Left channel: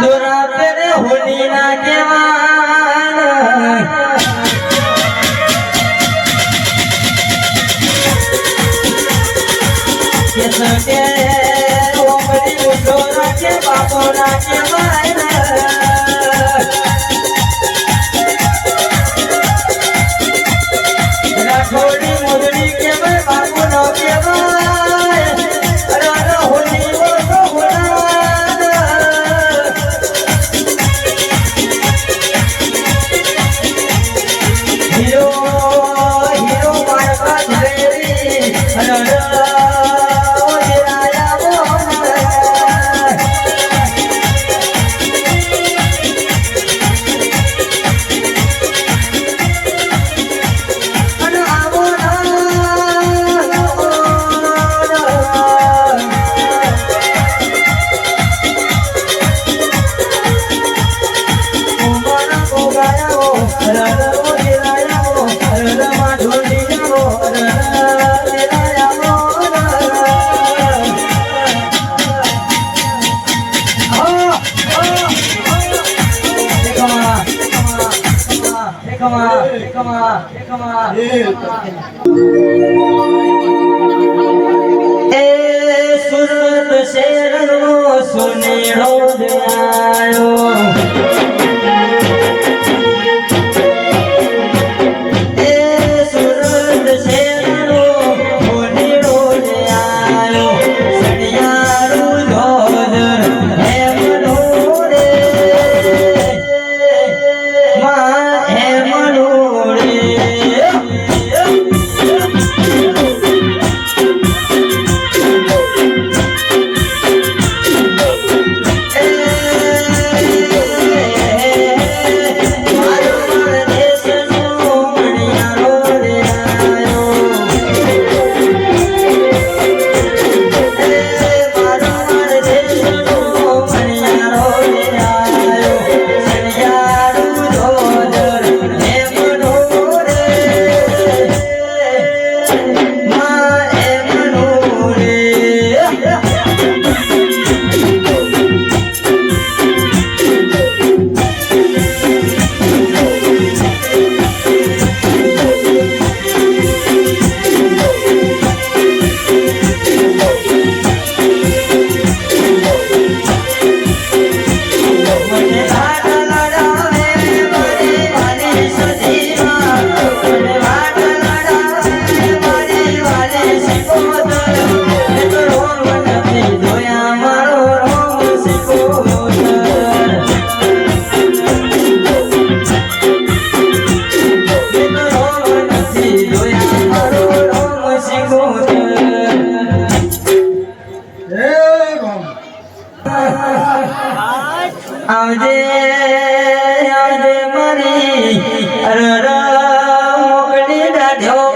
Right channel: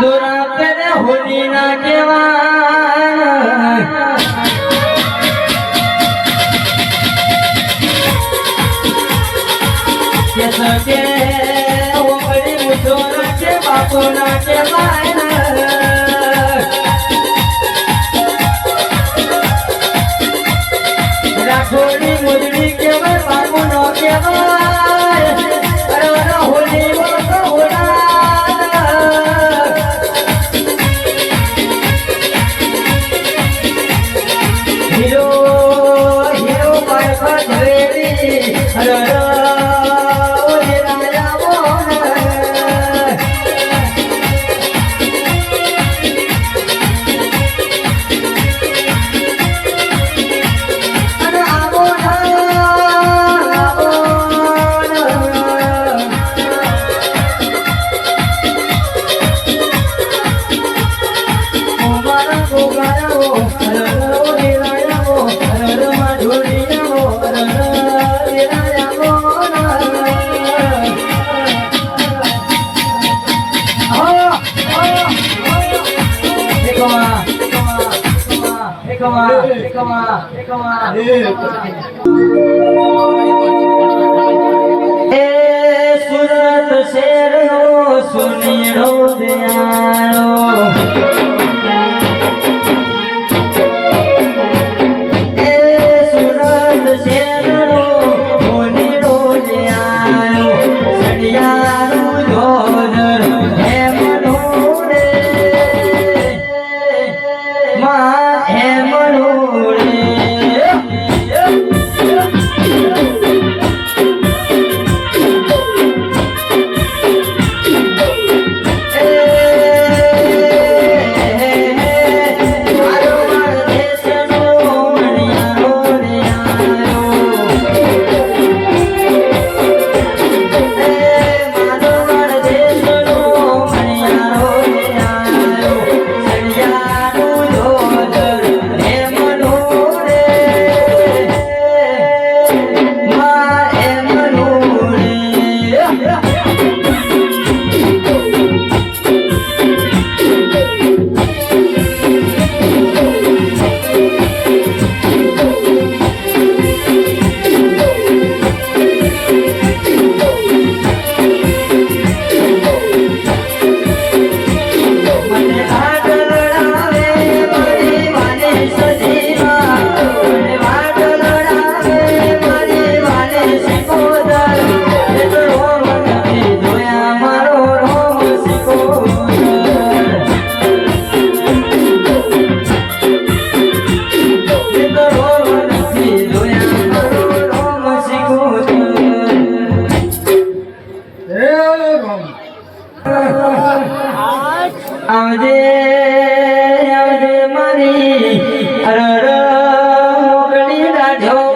દોરા પેરે હોલી ના કેવા કે સકે ઓમડી ઉઠો રાખે બાપો રાખે રાખોડી મોદડી કેવાય બાપુ નો કેવાય હોલી હીરો હીરો પારખા ઝવેરી સુરત શેરનો સુનેડો દેવાયો સુરત શેરનો સુનેડો દેવાયો સડિયારું ધોદર હેમનો રે માં હેમનો રે આવજે આવજે મારી મોકલી રાધ્યો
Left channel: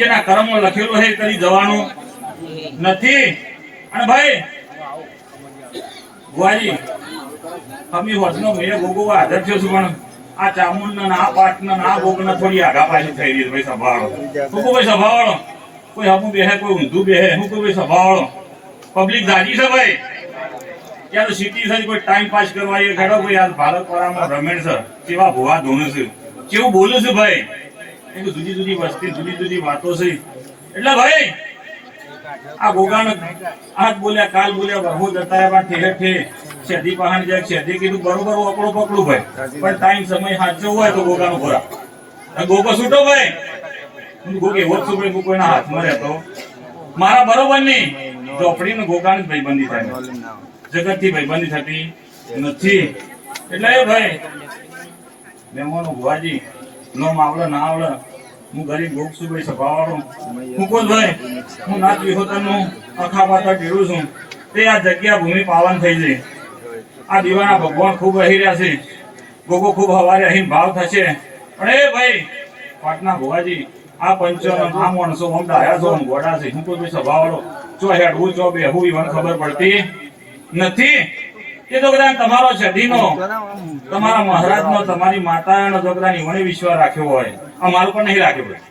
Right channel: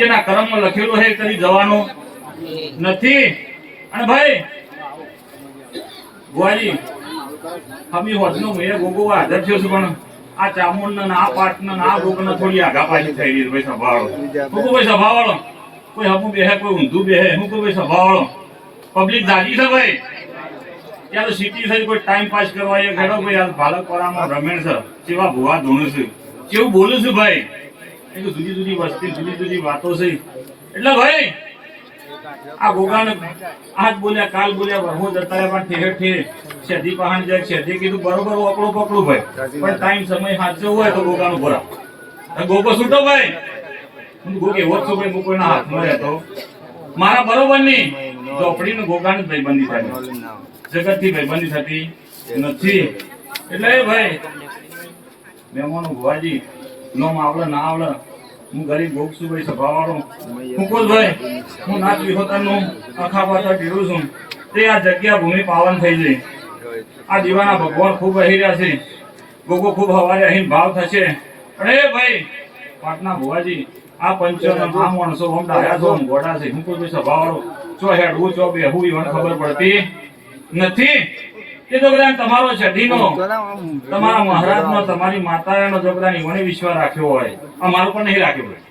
જેના કર્મમાં લખેલું છે કદી જવાનું નથી. અને ભાઈ ભુવાજી હમી હોટનો મેં ગોગો આદર થયો છું, પણ આ ચામુંડ આ પાટ આ ગોગ થોડી આગા પાછી થઈ રહી છે. ભાઈ સભાવાળો હું કોઈ સભાવાળો કોઈ હમું બેહે કોઈ ઊંધું બેહે હું કોઈ સભાવાળો પબ્લિક જાગી છે ભાઈ. ત્યાં તો સિટી છે કોઈ ટાઈમ પાસ કરવા એ ખેડો કોઈ યાર ભારતપરામાં રમેણ છે કેવા ભુવા ધોનું છે કેવું બોલું છું ભાઈ. એ તો જુદી જુદી વસ્તી જુદી જુદી વાતો છે. એટલે ભાઈ આ ગોગાને આજ બોલ્યા કાલ બોલ્યા બહુ જતા રહ્યા પણ ઠેર ઠેર શેઠી પહાણ જાય શેઠી કીધું બરોબર ઓકળું પકડું ભાઈ પણ ટાઈમ સમય સાચો હોય તો ગોગાનો ભરા ગોગો છૂટો ભાઈ ગોગ એવો જ છું ભાઈ હું કોઈના હાથમાં રહેતો મારા બરોબર નહીં ચોપડીને ગોગાની ભાઈબંધી થાય જગતથી ભાઈબંધી થતી નથી એટલે એ ભાઈ મહેમાનો ભુવાજી નોમ આવડે ના આવડે હું ગરીબ ગોગ છું ભાઈ સભાવાળો હું કોઈ ભાઈ હું નાથ વિહોતરનું આખા પાતા પીવું છું તે આ જગ્યા ભૂમિ પાવન થઈ જાય આ દીવાના ભગવાન ખૂબ રહી રહ્યા છે ગોગો ખૂબ હવારે અહીં ભાવ થશે અને એ ભાઈ પાટના ભુવાજી આ પંચો આ માણસો આમ ડાયા છો આમ ગોડા છે હું કોઈ સભાવાળો ચો હેડવું ચો બેહવું ઈવન ખબર પડતી નથી એ તો કદાચ તમારો છઠ્ઠીનો તમારા મહારાજનો તમારી માતાનો જો કદાચ ઈવને વિશ્વાસ રાખ્યો હોય અમારું પણ નહીં રાખ્યો ભાઈ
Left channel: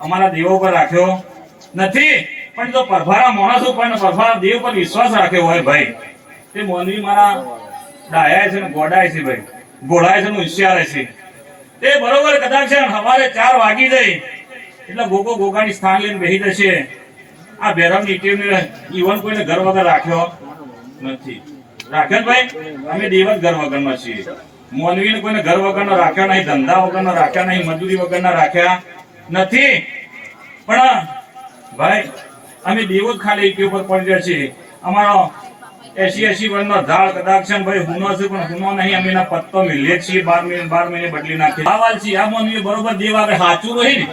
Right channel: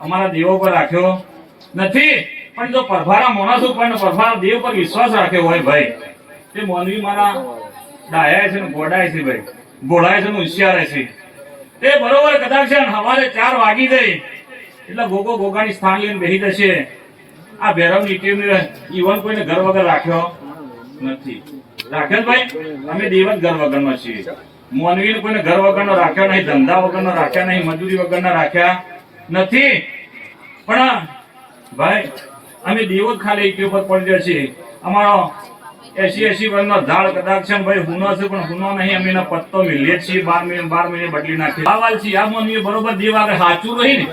અમારા દેવો પર રાખ્યો નથી પણ જો પરભારા માણસ ઉપર ને પરભારા દેવ પર વિશ્વાસ રાખ્યો હોય ભાઈ તે મોનવી મારા ડાયા છે ને ગોડાય છે ભાઈ ગોળાય છે ને હોશિયાર છે તે બરોબર કદાચ છે સવારે 4 વાગી જાય એટલે ગોગો ગોગાની સ્થાન લઈને બેહી જશે આ ભેરવની ટીમને ઈવન કોઈને ઘર વગર રાખ્યો નથી રાખેલ ભાઈ અમે દેવત ઘર વગરના છીએ મોનવીને કોઈને ઘર વગરનો રાખ્યા નહીં ધંધા વગરનો રાખ્યા નહીં મજૂરી વગરના રાખ્યા નથી પણ ભાઈ અમે દેવો જ ખાલી એક ઉપર પડી છીએ અમારો 80 વર્ષનો ઝાડ કદાચ છે ભાઈ હુનો છે પણ હુનો નહીં અમે એના પત્તો મિલીએ છીએ 12 મહિને બદલી નાખી આવાલ છે આ મોનવી બરોબર દેવ આગળ સાચું રહી ને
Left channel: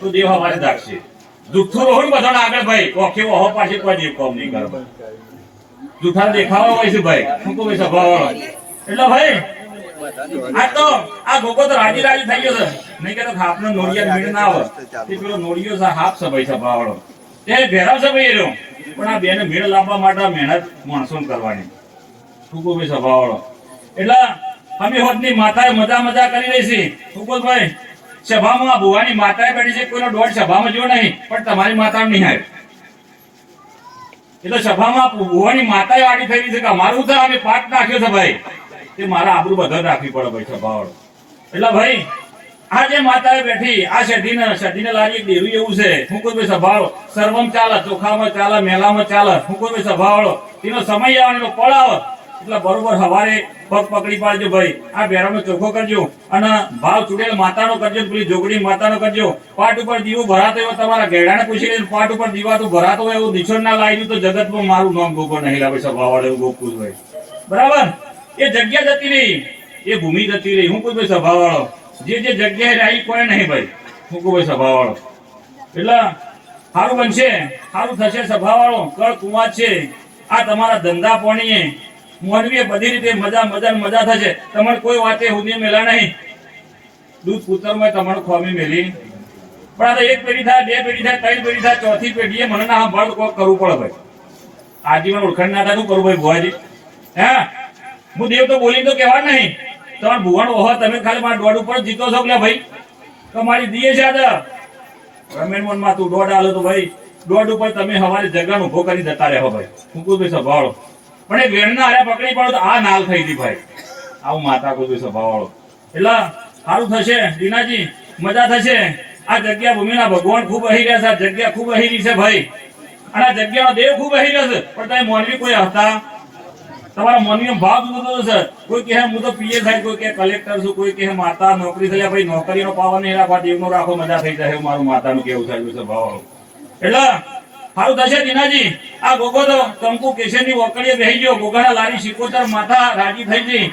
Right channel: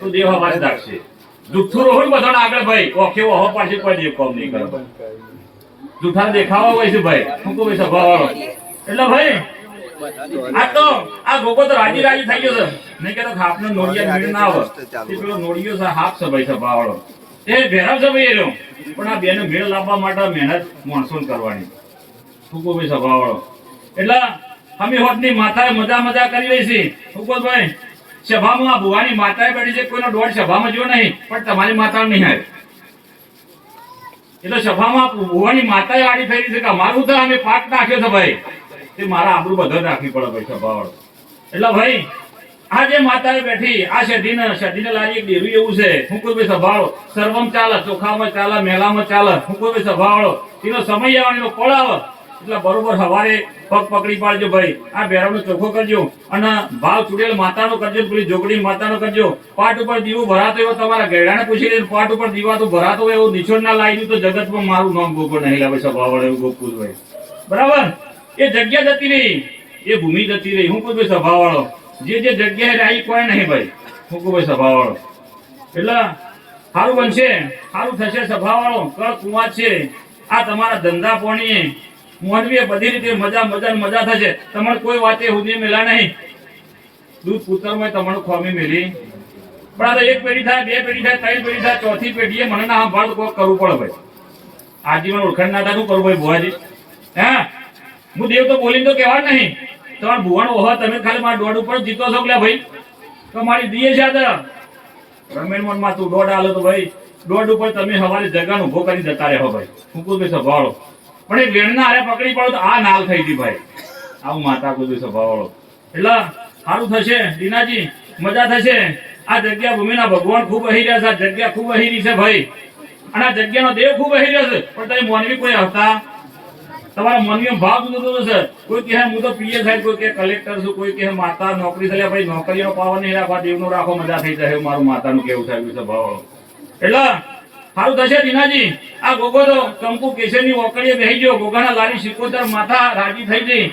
તો દેવ હવારે રાખશે જુઠ્ઠું રોહણ બધાને આગળ ભાઈ કોખે વહો પાછી કોઈ દેવ કોમ નહીં કરે જુઠ્ઠા દેખાવા હોય છે ભાઈ શું કહું સભાવાળો એટલે ભાઈ આ તો આ ગોગો તો રાજી રાજી થઈ ગયો છે નહીં કે તો હાપનો નોળિયા મીણ ના આવે તે પેલો નોળિયો છે હાપ છે ભાઈ સભાવાળો તે ભેરાવ છે ભાઈ એનો પણ આ બેને મેળ લાવવા માટે મહેનત માણસો કરવાની શું કહું ભાઈ સભાવાળો એટલે અમે હોતની માતાએ મજા કરી રહી છે શું કહું ભાઈ સભામાં ભુવાની માતાએ બેઠી છે કોઈનો દોડ સભામાં જો નહીં પણ તમારી માતા નહીં આવે એટલે સભામાં ભુવાની માતાએ આડી થઈ રહી છે કે અમારું તો અમે પાઠ નાખ્યો છે ભાઈ તે મારા આબરૂ બધા રાખવી પડે ભાઈ સભાવાળો એટલે ભાઈ આ જે માતાએ બેઠી આ શેઠીને લારી એક ડેરું એવું છે હું કોઈ ભાઈ સભાવાળો સર્વમ ચાલે ચોખામાં ચાલે મેલામાં ચાલે હું કોઈ ભાઈ સભાવાળો એનો સમય આવવાનો પડાવો એટલે બરોબર સવારે પગ પકડી પાડજો ભાઈ આ બેરાનો ચોખ્ખો કરજો અને ભાવ ચૂડેલ માતાનો કરજો પેલી જોગડી માતાનો કરજો પાટ ઉપર દીવો ભરાતો એવો તમારા ગેડાને પૂછી લઈને પાટ ઉપર દીવાતું ભરાતો હોય એવું નિછોડ ના લાવી તો જગતમાં મારું નામ ગોગો નહીં લાવે સભાવાળો એવું ગોપુર હોય બરાબર એ જગ્યા જતી રહી એ ભૂમિ જતી રહી હું કોઈ ભાઈ સભાવાળો જે જગ્યાએ રહી કોઈ નહીં ભાઈ હું કોઈ ભાઈ સભાવાળો એટલે સારું બનશે સારું થશે સભાવાળો કળ કુવા છે આ તમારા ધંધા પાણીએ મોનવીએ બધી રીતે મજા થશે તમારે કોઈ વાતે હુદી મેલા નહીં દૂધ પુત્રમાં તમારું ખોમી મેલી પણ આ તો એક પેઢી થાય 2 પેઢી થાય 3 પેઢી થાય ચોથી પેઢીએ મને ના ભળ કોક કરવું પડે ભાઈ આજીવન ઓળખાણ ના થાય શું કરવું ભાઈ ભુવાજી હે હું દેવ તો બોલીને તો કહેવા નહીં તમારે ભુવન ઓહો તમે ખાલી મારા દોડ ઉપર જીતો છો એટલે ભાઈ તમારી દીએ છે આ રમેણમાં તું દોડ આલો તો ભાઈ દોડ ઉપર તમે હવારે જગાનો ઉભો કરી જતા રહો ભાઈ હું કોઈ ભાઈ સભાવાળો પણ એક વેણના હારે પકડી પડો તો આ નાલ થઈ ગઈ ભાઈ આવું માતા કોઈ સભાવાળો એટલે સારું થશે દીનાજી મજા થશે આ જગ્યા ભૂમિના ભગવાન ખૂબ રહી રહ્યા છે આ જગ્યા ખૂબ રહી રહી છે ભાઈ અને આ જગ્યાનો દેવ ખૂબ રહી રહ્યો છે પણ તમે મોનવી કોઈ હતા તમારા મોનવીનો ભાવ જુદો જુદો છે કોઈ કહે હું તો પીએ થાય કોઈ કહે કલેક્ટર છું કોઈ કહે માતા નોકરી થઈ ભાઈ નોકરીનો પાવર નહીં રાખવા દેવનો રાખો મજા થઈ જાય મારું માતાનું કેવું થાય છે ભાવ એટલે સારું થશે દીનાજી આ ગોગો તો કંકુ કેસરની ઓકળીએ બેહી ગયો ગોગાના લારી શિકોતર માથા રાજી થઈ ગઈ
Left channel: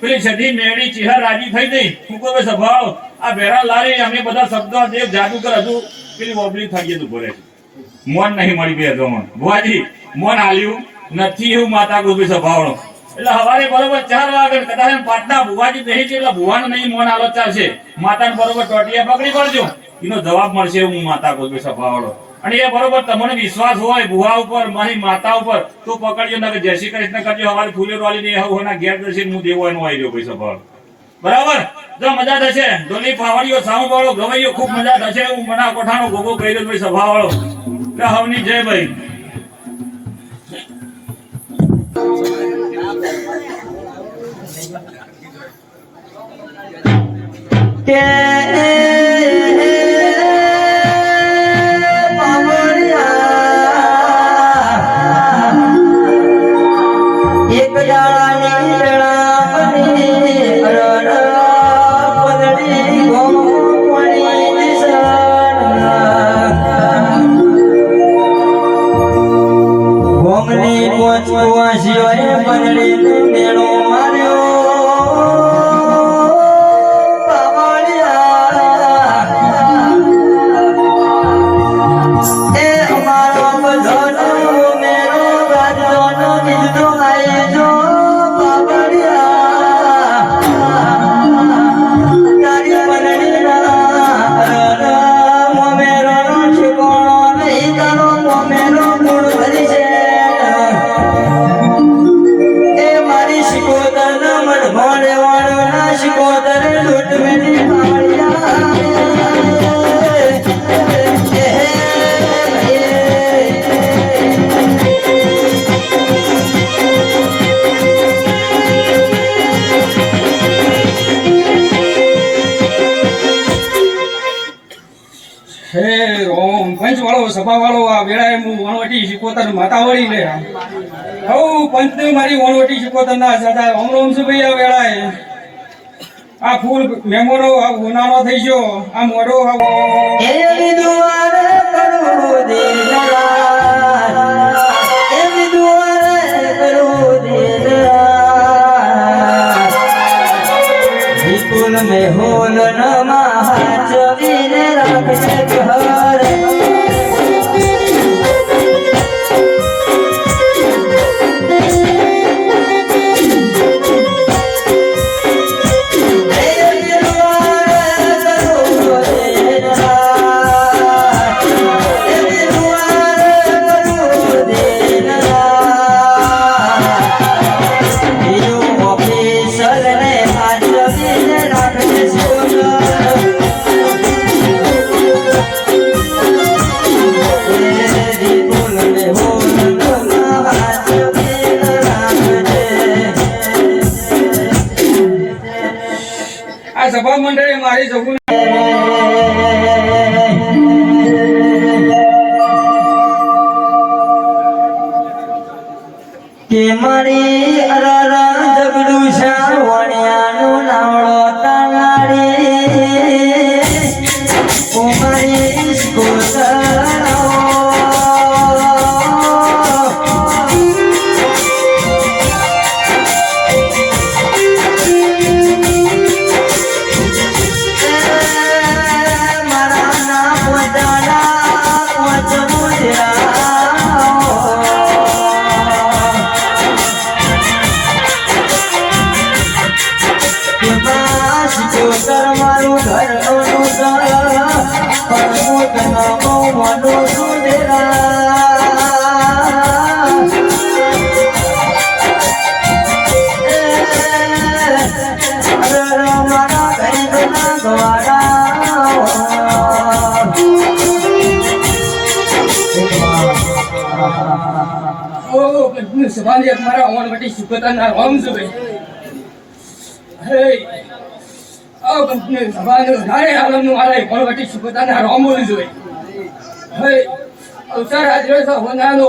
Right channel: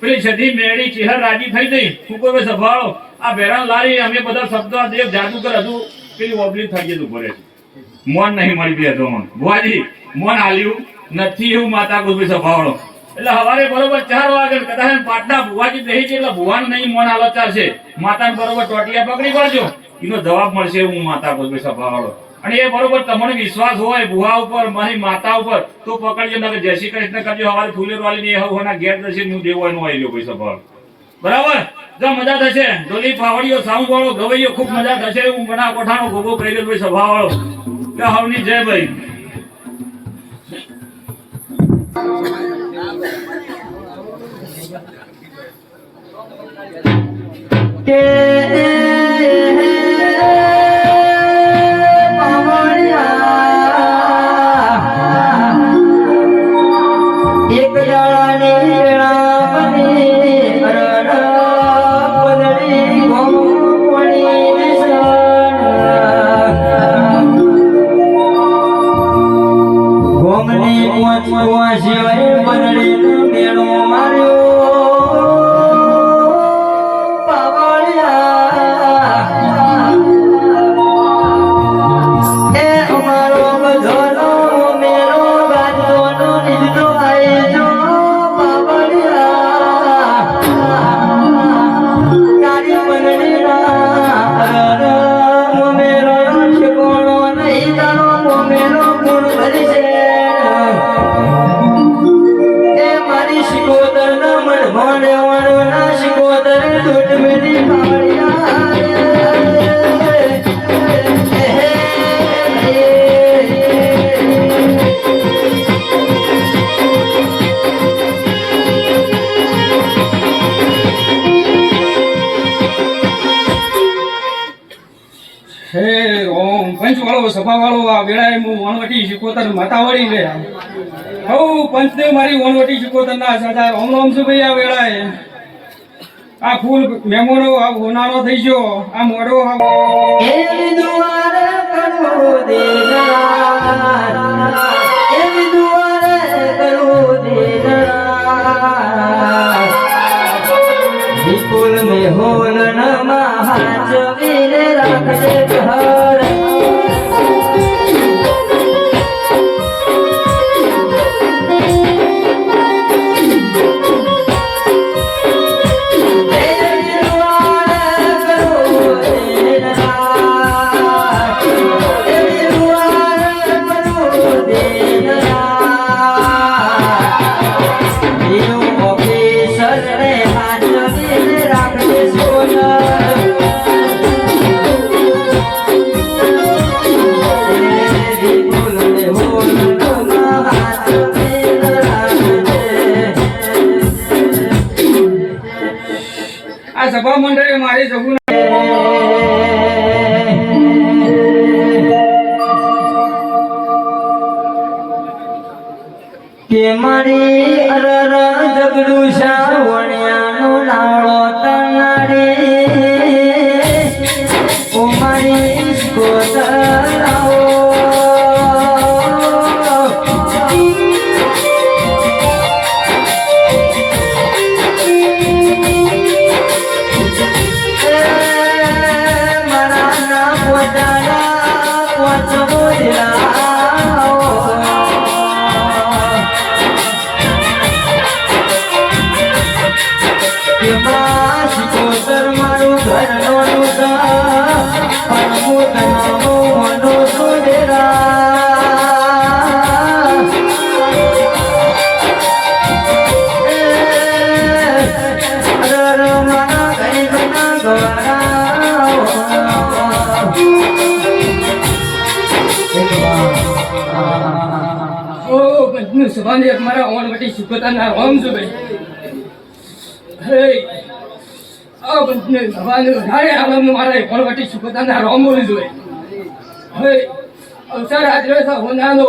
પેલી સધી મેળી ચિહર રાજી થઈ ગઈ હું કોઈ સભાળો આ ભેરાન લારી અમે બધા શબ્દો દેવ જાદુગર હજુ પેલી ઓબલી થઈ ગયું ભરે મોન નહીં મળી બે તો ભુવાજી મોન આલ્યું નથી એવું માતા ગોબી સભાળો એટલે સવારે બરોબર 4 વાગે કદાચ પાટના ભુવાજી બેહી છે એટલે ભુવાને નહીં મોન આલો ચાલશે માતાને બરોબર ટોટિયા પકડી પડજો એનો જવાબ મળશે હું માતા ગોબી સભાળો અને એ બરોબર તમને વિશ્વાસ હોય ભુવા ઉપર મારી માતા ઉપર તો પકડજો ના કે જય શ્રી કૃષ્ણ કરજો હવારે ફૂલેર વાલી ને હોના ઘેર જશે હું દેવો એનો આવી ગયો પૈસા ભાવ બરાબર જો મજા થશે ડોલી ફાવડીઓ સાઉન્ડ વાળો ગવૈયો ખૂબ મજા થશે હું બના કોઠાનો ગોગો કહી ગયો ભાઈ સભા વાળો કે હવની જય ભાઈ કે પવળિયા શિકોતર ન મન ભણે વાળો ના શિકોતર લૂટ મેલી હે ઓમ પંચવાળો સભાવાળો આ વેળાએ હું વણવટી શિકોતર માતા વળી લે હઉ પંચને મારી વણવટી શિકોતર ના સાથા ઓમ ઓમ સુભાઈ આ વેળાએ આ ફૂલ મેમોનો આ ઉનાળો થઈ ગયો આ મોડો એવી દુઆર કરો દેનાર એવી દુઆર કરો દેનાર વિપુલ મે હોલ નમા જવીને રાખજે ઘર આ સભા મંડળે મારી જગું કે મારી અરર જગડું શાવણિયાનું નાળો તાનાડી ઓ મારી મારું ઘર સભાને મારા વણવટી શિકોતરના રોમ સુભાઈ હે આ બંને સભાને નારે આલમનું મારા વણવટી શિકોતરના રોમ બોલી જોઈએ હે અવસર હાજર છે હોનાનો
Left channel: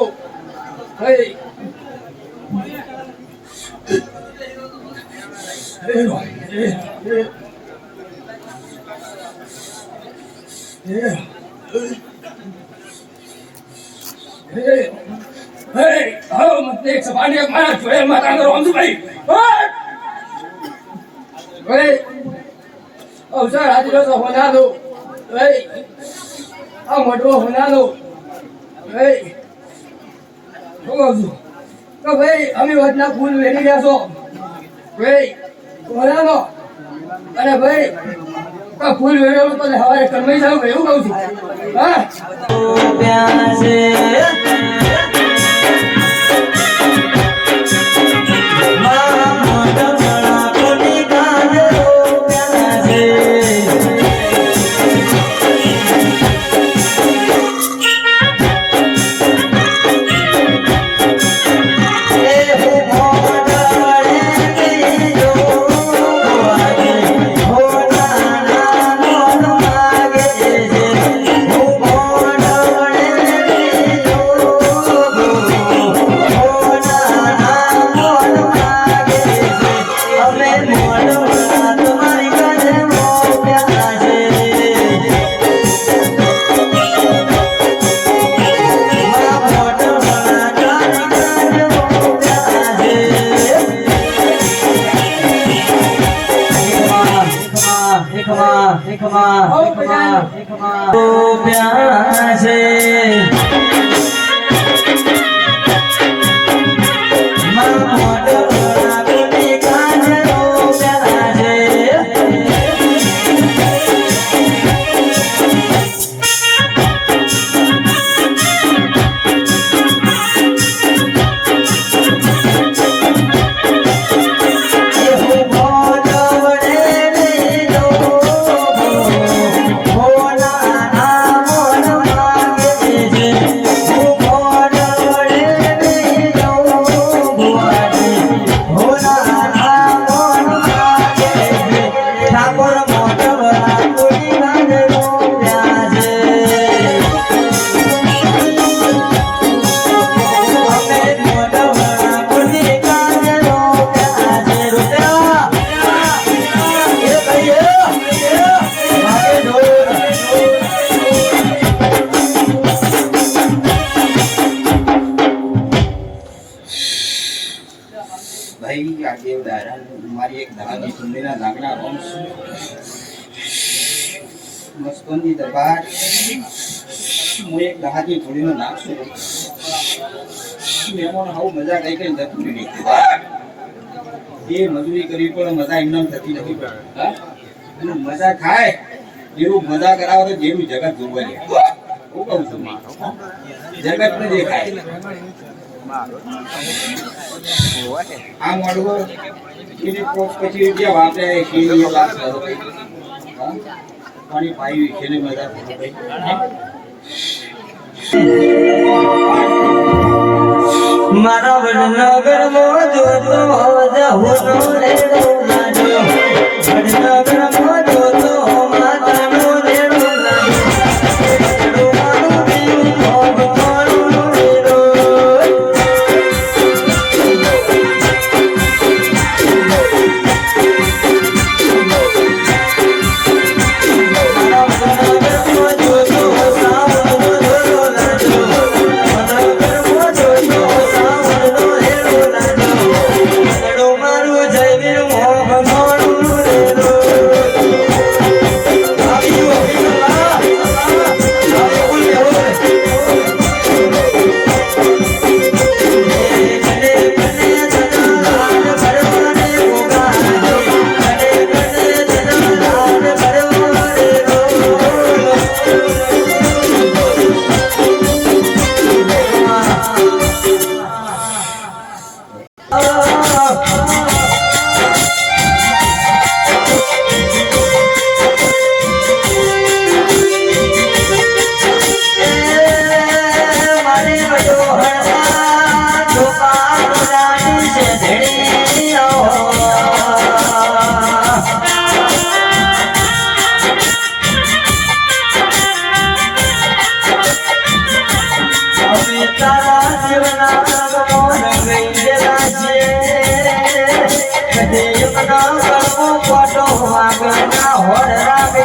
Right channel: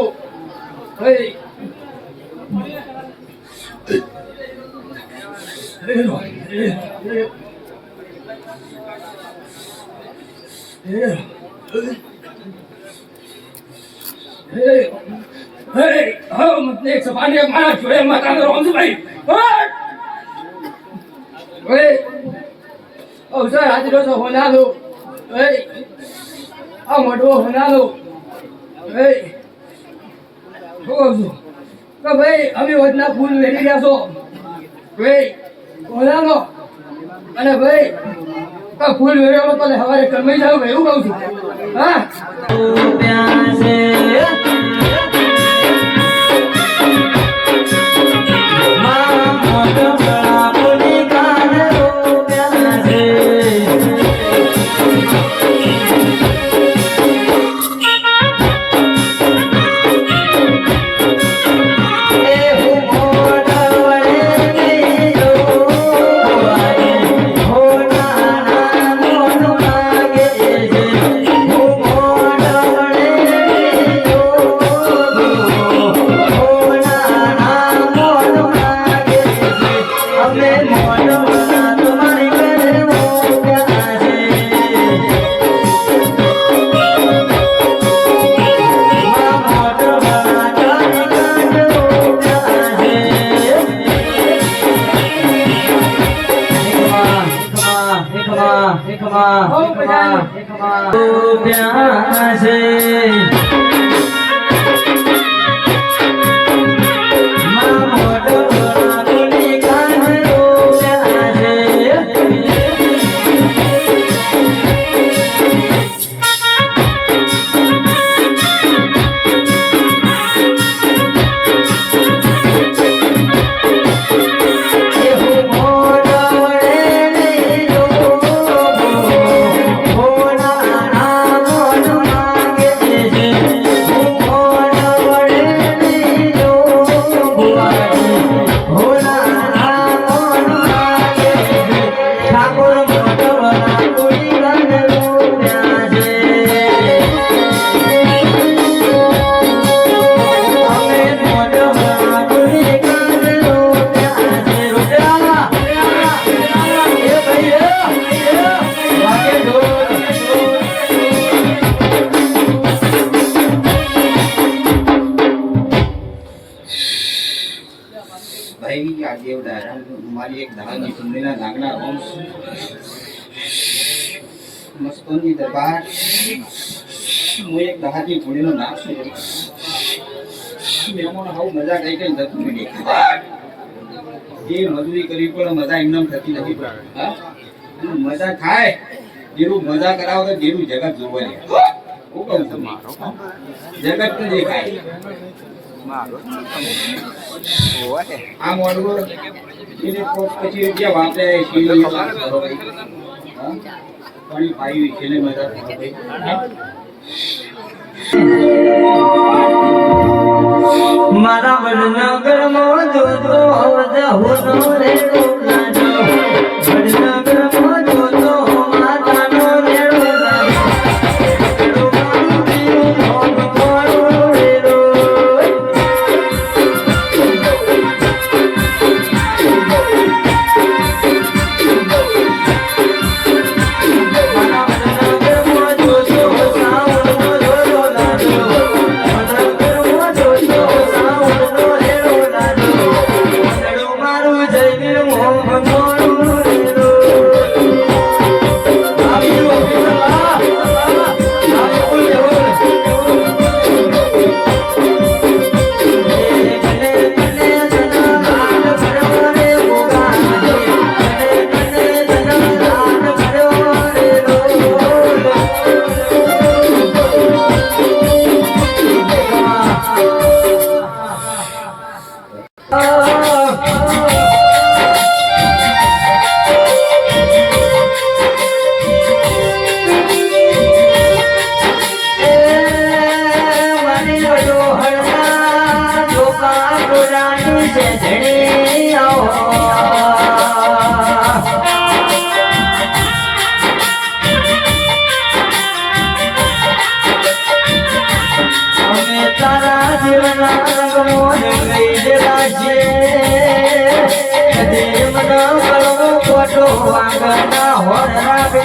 હે મને સભાને મારા જોડે માતાનો રોમ સુભાઈ અવસર હાજર છે હોનાનો હે આ મોટો હોનાનો હે તો ભાઈ અમે વધના ફૂલ વેરી ગયા છો ભાઈ હોનાનો અને ભાઈ ફૂલ વેરેલો તો હવારે કરમાઈ જાવ એવું કહું છું હા પ્યાસે મારી એક દાદાની સુંદરીના નાગના વંશ મસ્તોની દરબાર હું એક દાદાની ઘોડીનો નાગ છું એમાં આવું મજા કઈ કઈ થતી નથી એ મજૂરી કરવી પણ મજા એમને થતી નથી હા મજા થાય જેવું મજા કરાવો તો જેવું જગત જોવે હું કહું છું જગત ને દેખાય આ મોડવો એને પછી જે વાપરે શીરી લાગ કરો પાણી પાઈ છે ને મજા મારા વડનગર માં જોજો જાહુનો રેડો લાજો વડનગર માં જોજો માતાનો રેડો લાજો મારું પીવું મોરું રેડો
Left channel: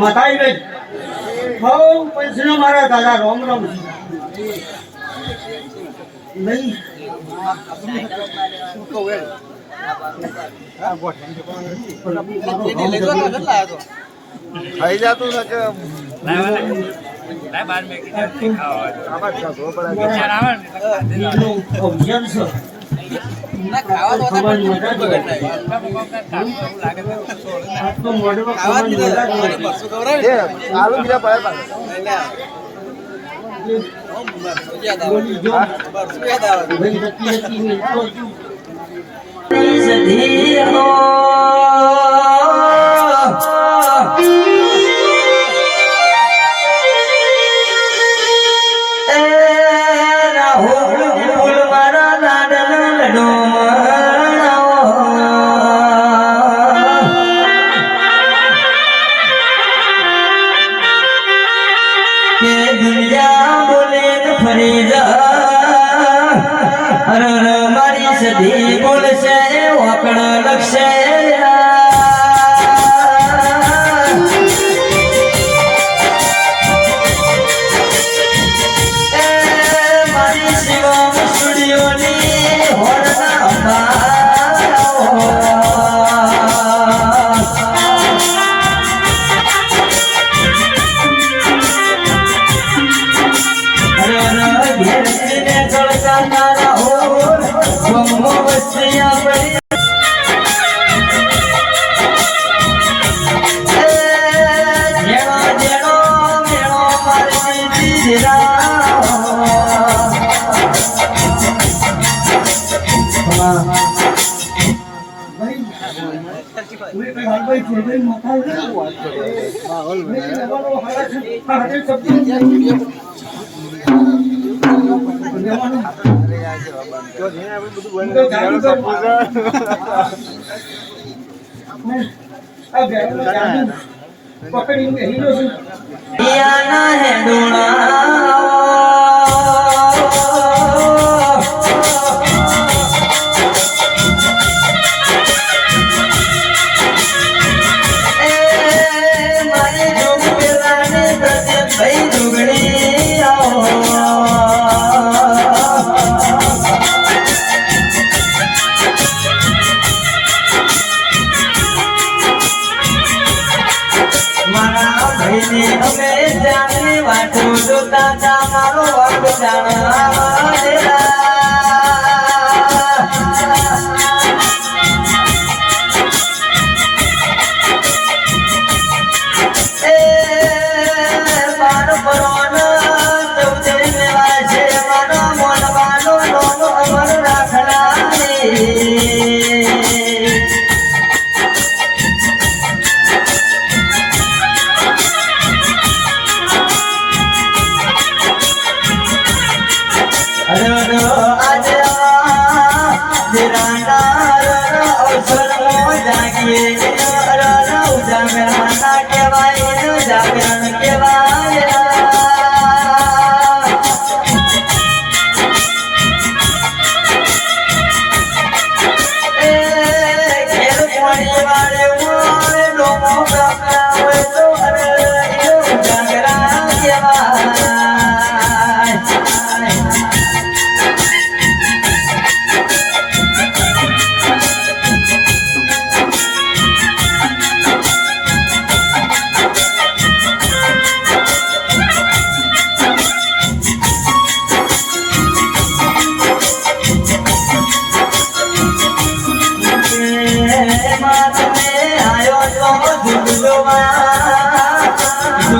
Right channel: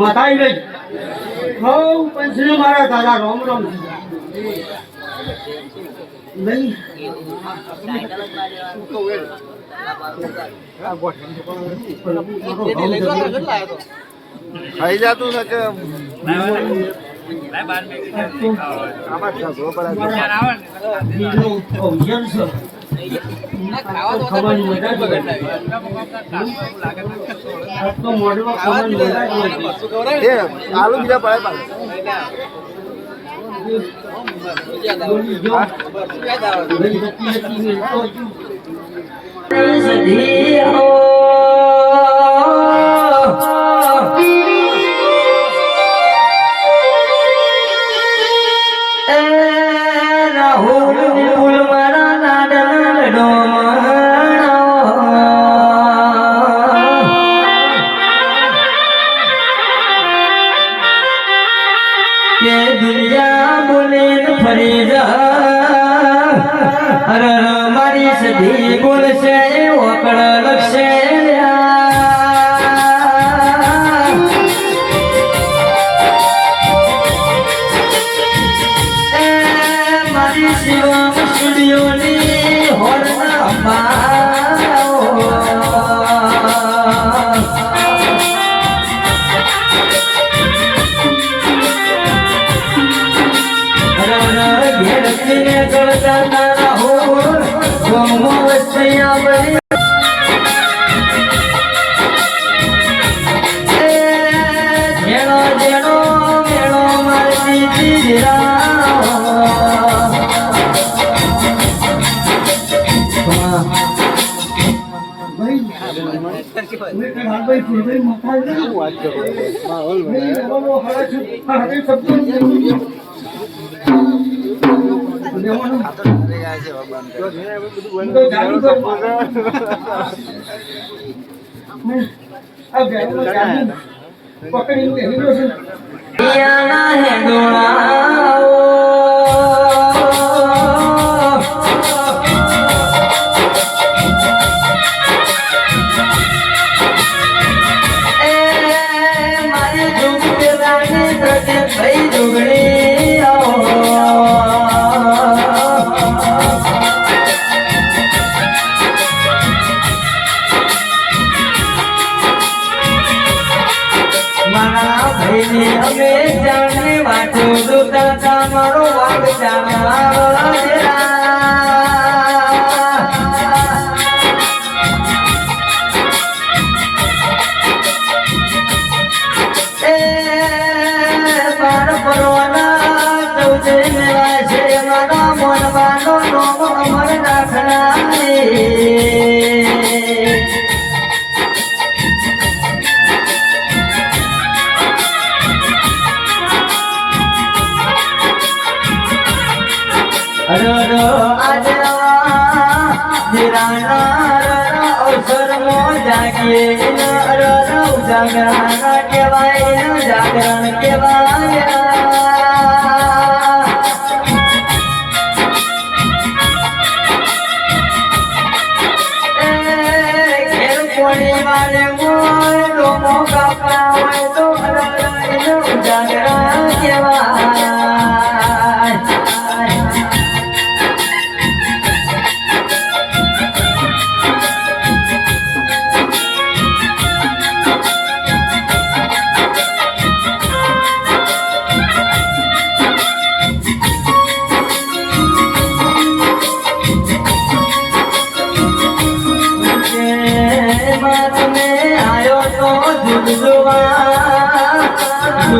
માતા આવી ગઈ હો પૈસા મારા દાદા રામ રામ નહીં ખાઈ જતું આલુ બીજા મારી સધી બોલશે ઓકળ લક્ષે મારી શિવમ સ્ટુડિયોની હોરના યાના હે ડોણા મારે જોગ કરવાને બસે ભાઈ જોગણી આવો મારા ભાઈને અમે જાણે વાટો જોતા તા મારો વાગ જાણા તેરા એ બાર પરવાના ચૌદે મેવા છે મારો મોનવાનો નોમ અમર રાખણા જાગરણ કેવાય ખેર કોણી વાળે હોય લોકો કાપા હોય તો જાગરણ કેવાય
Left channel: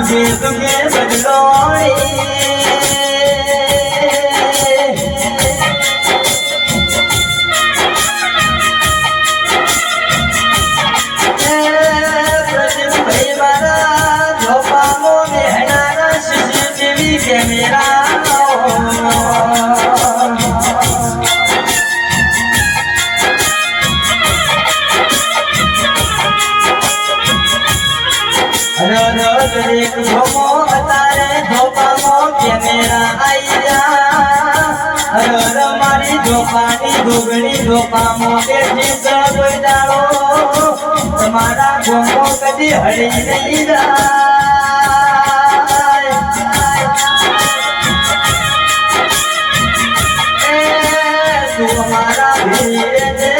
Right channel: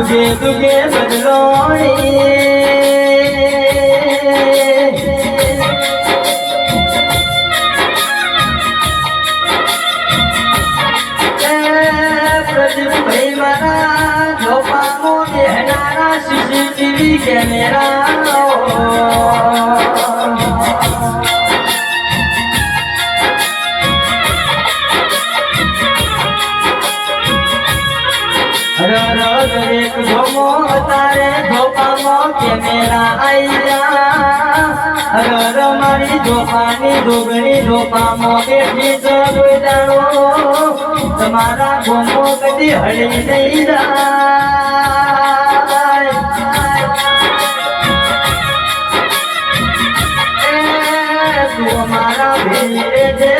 तुझे तुझे बदलोड़ी भाई मारा धोपा मोने हराना सीसीटीवी कैमरा एक धोमो तारे धोपामो कैमरा आईया मारी धोपानी दुगनी धोपामो बेठी सब डालो तुम्हारा घूमो कभी हड़ी नहीं जाए तुम्हारा भी